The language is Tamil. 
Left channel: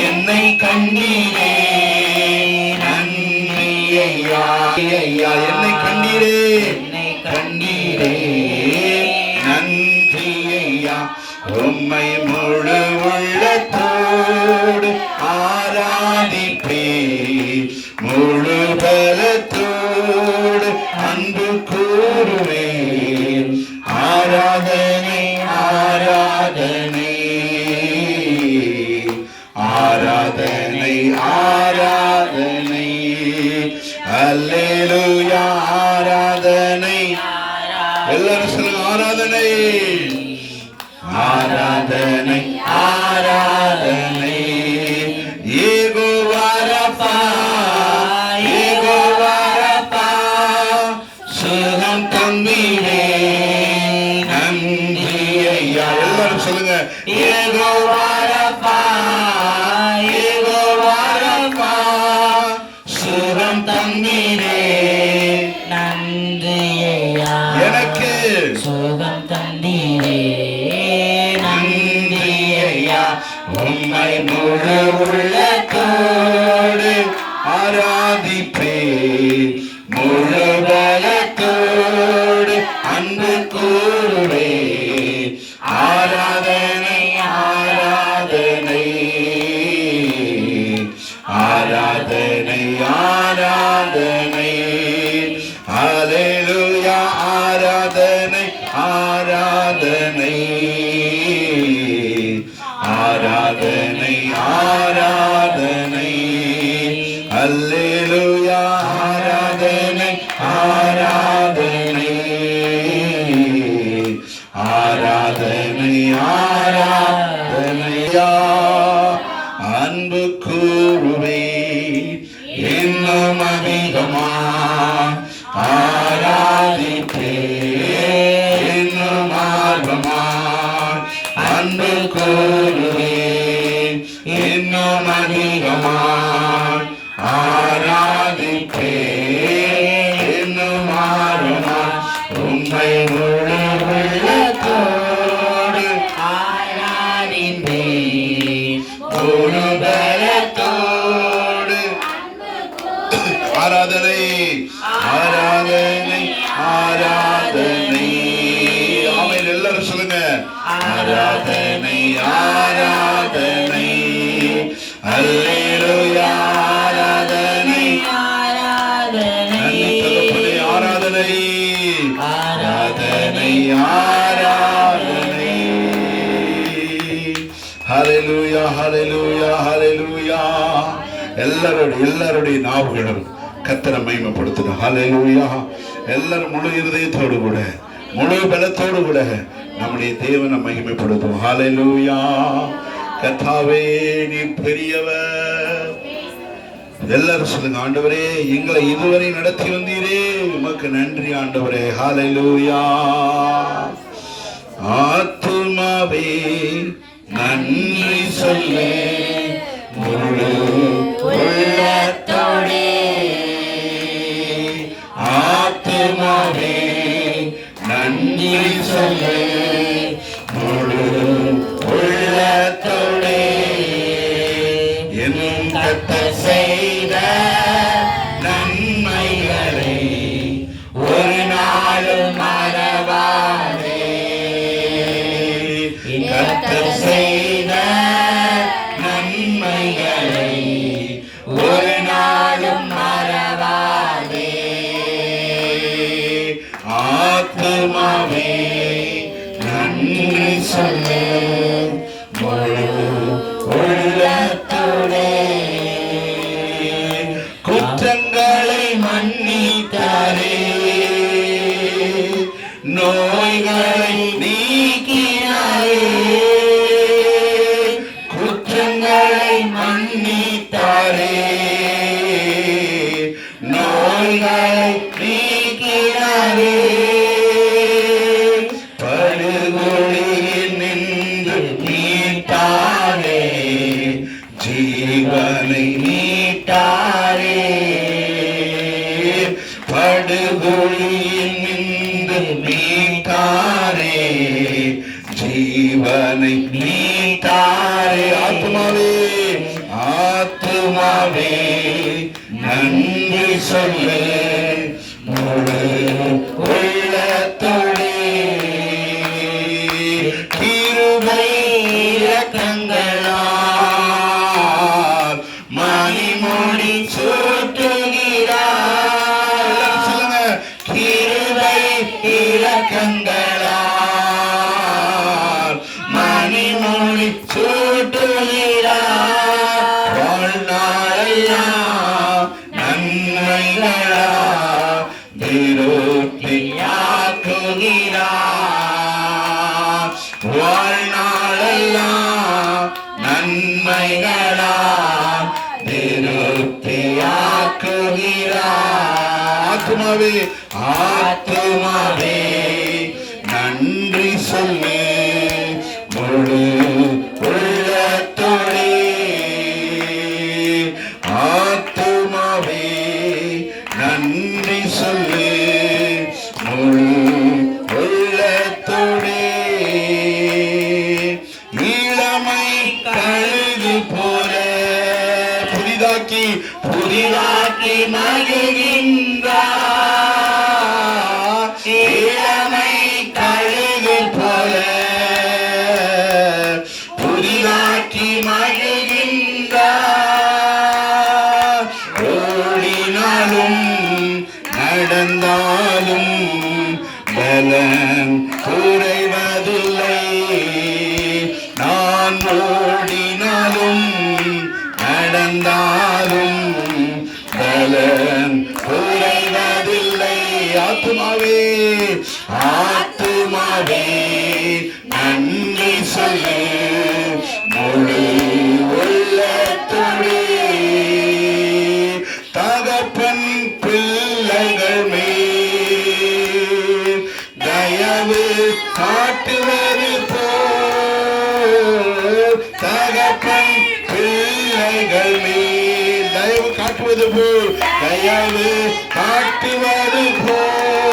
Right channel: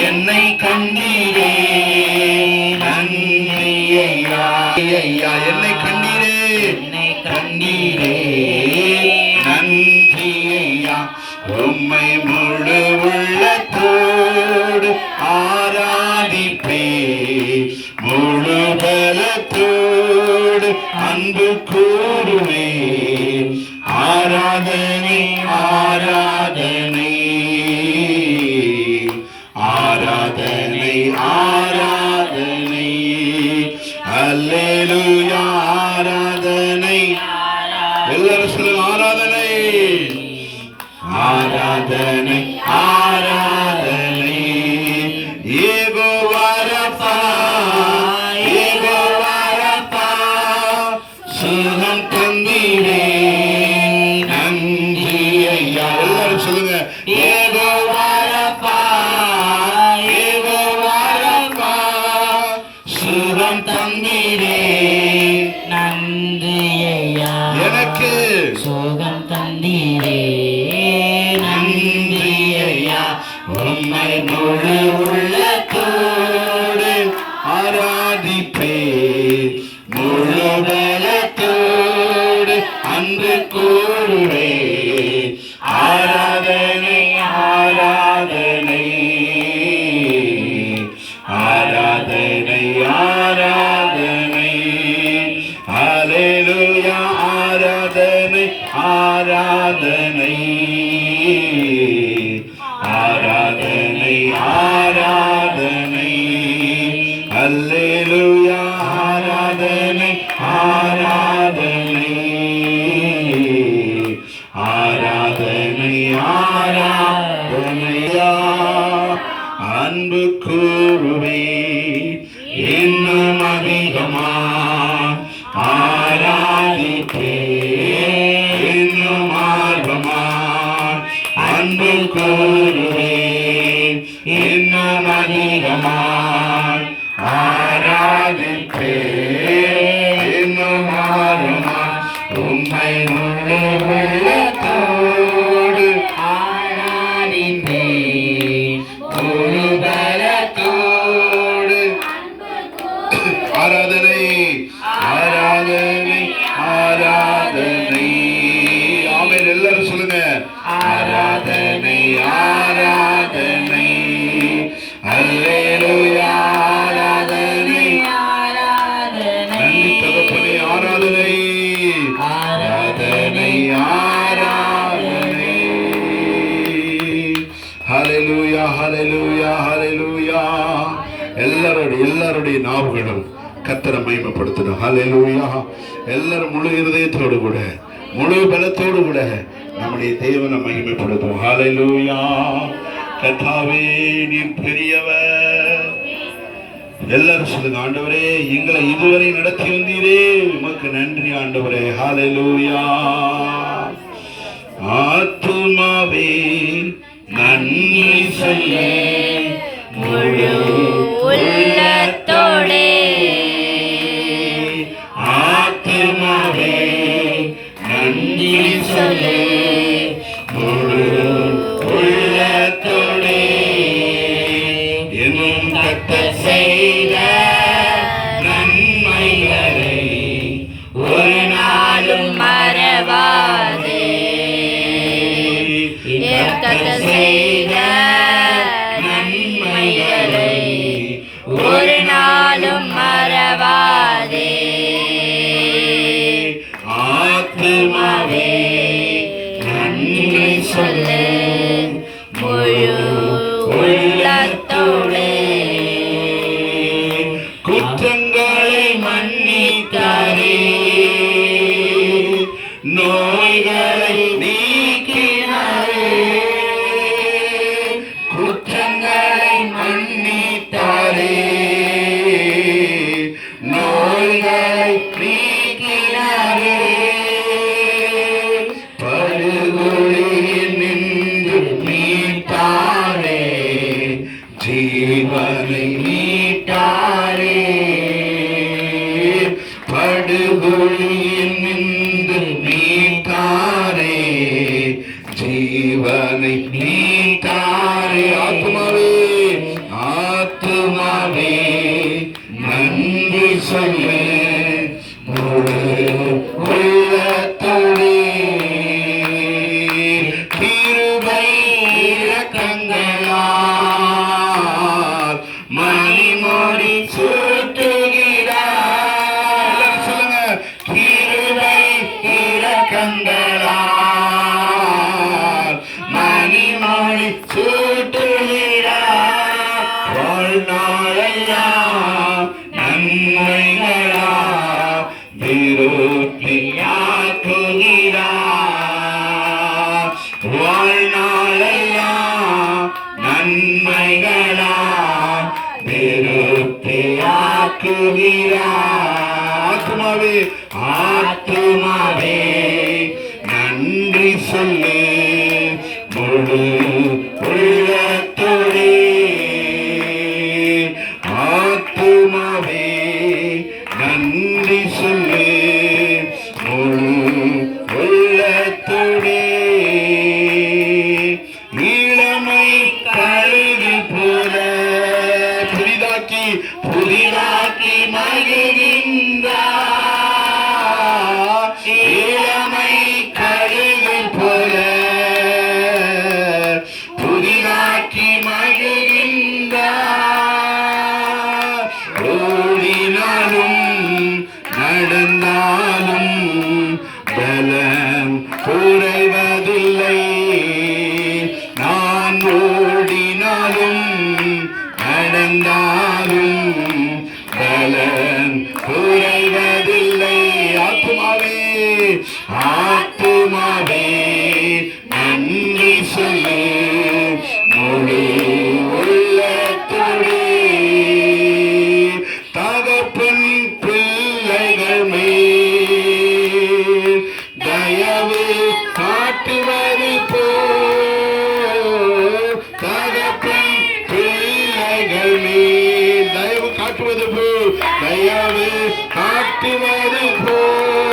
என்னை கண்டீரே நன்றி ஐயா என்னை கண்டீரே என்னை கண்டீரே நன்றி ஐயா உம்மை முழு உள்ளத்தோடு ஆராதிப்பே முழு பலத்தோடு அன்பு கூறுவே ஆராதனை ஆராதனை ஆராதனை ஆராதனை. அல்லேலூயா ஆராதனை. எல்லாரும் சொல்லுங்க ஆராதனை. ஆராதனை ஆராதனை. அன்பு கூறுவே ஆராதனை ஆராதனை. ஆராதனை ஆராதனை. அலையா ஆராதனை ஆராதனை. ஆராதனை ஆராதனை. அல்லேலுயா ஆராதனை ஆராதனை. இன்னும் ஆராதனை ஆராதனை ஆராதனை. ஆமென் எல்லாரும் சொல்லுங்க. ஆராதனை ஆராதனை. அல்லேலூயா ஆராதனை. நன்றி தகப்பனே ஆராதனை. ஆராதனை ஆராதனை. ஹalleluya ஹalleluya ஹalleluya. எல்லாருடைய எல்லாருடைய நாவுகளும். கத்தரை மகிமைப்படுத்தணும் ஹalleluya எல்லாரும் முழு இருதயத்தோடு கூட முழு பலத்தோடு கூட நம்முடைய தேவனை மகிமைப்படுத்தும் ஹalleluya கத்தாவே நீ பெரியவர். எல்லாரும் சொல்லுங்க ஆண்டவரே எங்களை இதுவரை நடத்தி வந்தீரே. உமக்கு நன்றி ஆண்டவரே. ஹalleluya ஆத்துமாவே நன்றி சொல்லே. Hey. திருகுளியில் நின்று மீட்டாரே ஜீவனை மீட்டாரே படுகொழியில் கண்களால் மணிமொழி சூட்டுகிறார். வாழ்நாளையா நன்மைகளா திருத்தியா ஆத்துமாவே நன்றி சொல்லு முழு உள்ளத்தோடே. ஆத்துமாவே நன்றி சொல்லு. பலனாலும் பலன் எங்கள் மேல் தயவு காட்டுவது போல் தயவு காட்டுவது போல்.